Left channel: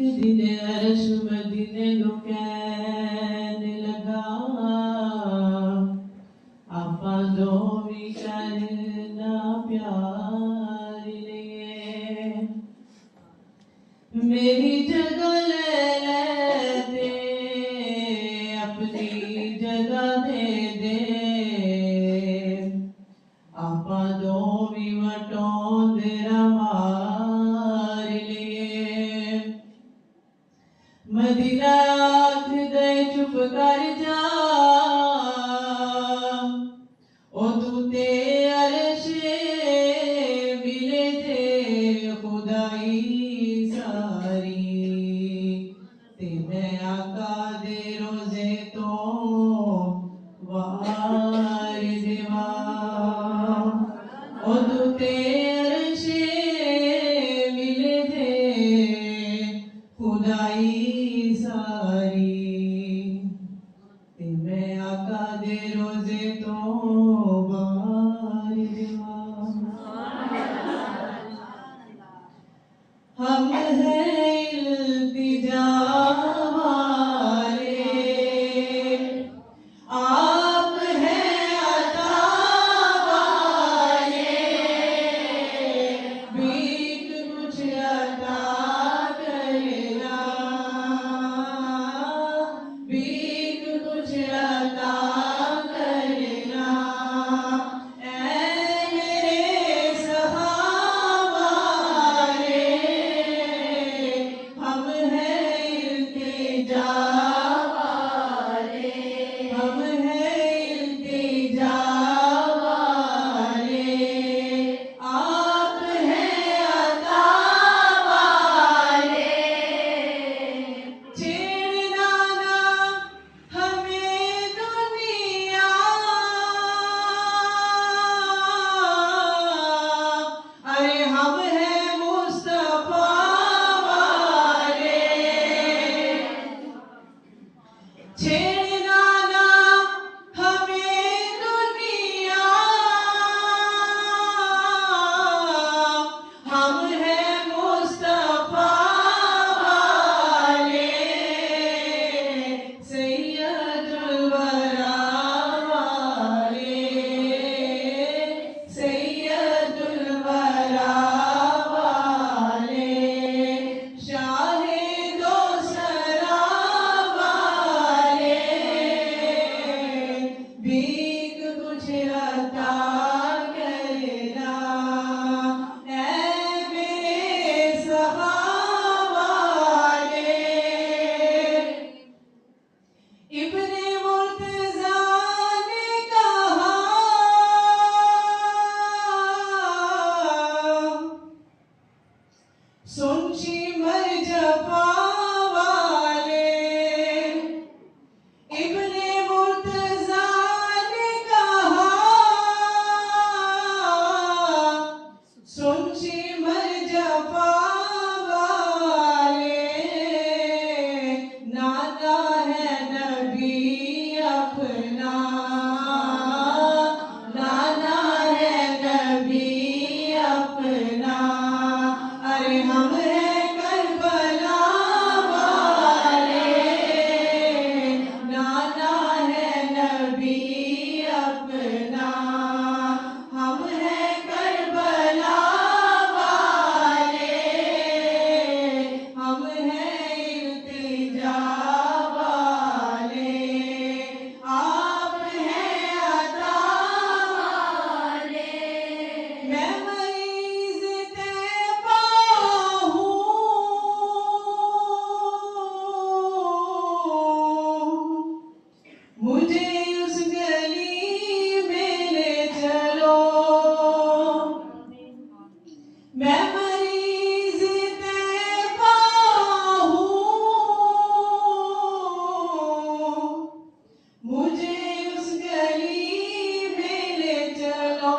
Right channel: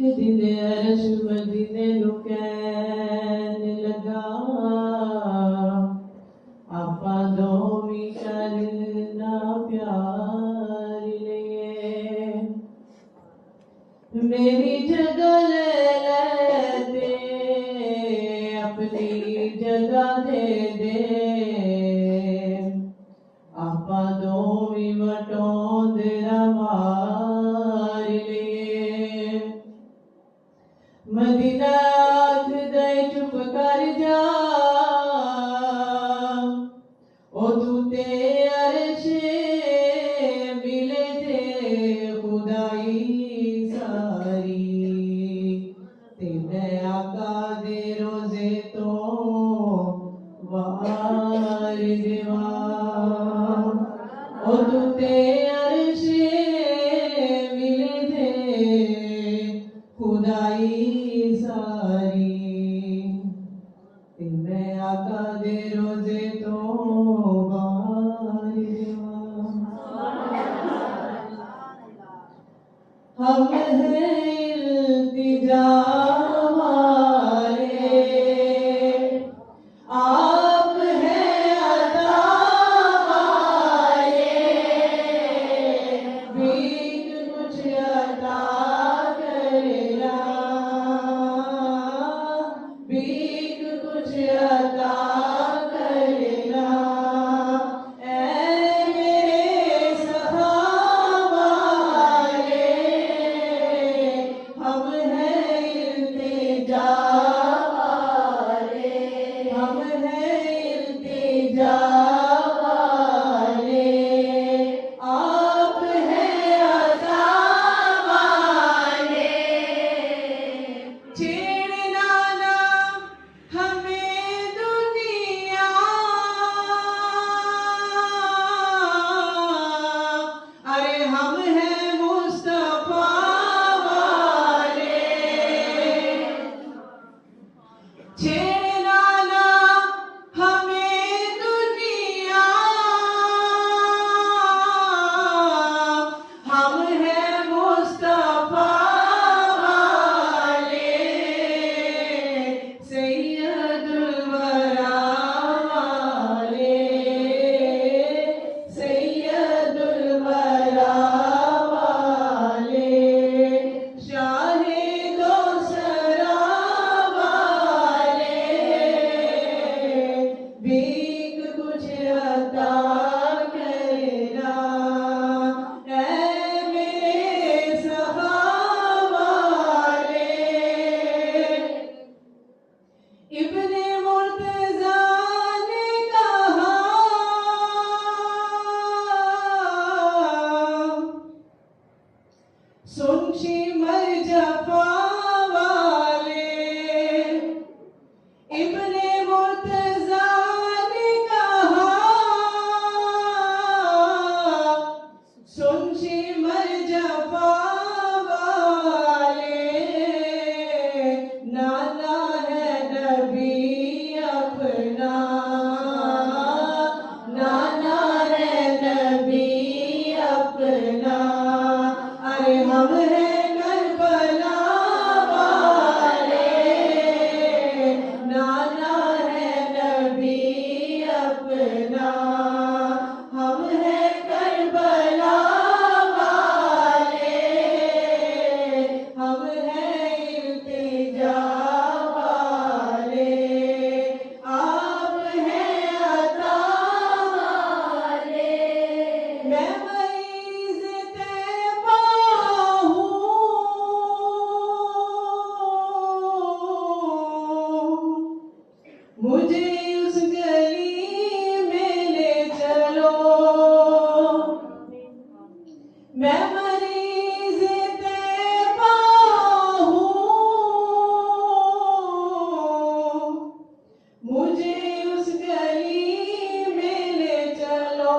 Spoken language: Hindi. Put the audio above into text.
दिने अरश मदीने नू कहन लगा आपा दोवी करना प्यार लिए मेरी जगह ले दे अपनी जगह दे आपा दोवी वटोंदरा मार लिए मदीना आख दे चुप कर जा ओ तू ते अरशे मिले थे खुदाई सारी ते मैं आका दे रोजे तो वार देवा ओ तू ते अरशे मिले थे खुदाई सारी ते मैं आका दे रोजे तो वार देवा हम हैं इल्तिजा वाले आप हैं अता वाले भीख कुछ अता करना भीख कुछ अता करना ऐ मेरे सहावाले हम हैं इल्तिजा वाले हम हैं इल्तिजा वाले आप हैं अता वाले छेड़ना ना हमें दुनिया अरे हम हैं मुस्तफा वाले छेड़ना ना हमें दुनिया हम हैं मुस्तफा वाले सैयदुल वरा वाले सैयदुल वरा वाले शाहे दो सरा वाले भीख कुछ अता करना ऐ मेरे सहावाले इब्ने मुर्तज़ा ने कहा सुन शिमर जफा वाले इब्ने मुर्तज़ा ने कहा सुन शिमर जफा वाले नाना है नबी अपना नाना है नबी अपना अरे हम हैं करबला वाले नाना है नबी अपना हम हैं करबला वाले हम हैं इल्तिजा वाले आप हैं अता वाले मैं मरीज़ तैबा हूँ मुझे उस गली में ले चलो मैं मरीज़ तैबा हूँ मुझे उस गली में ले चलो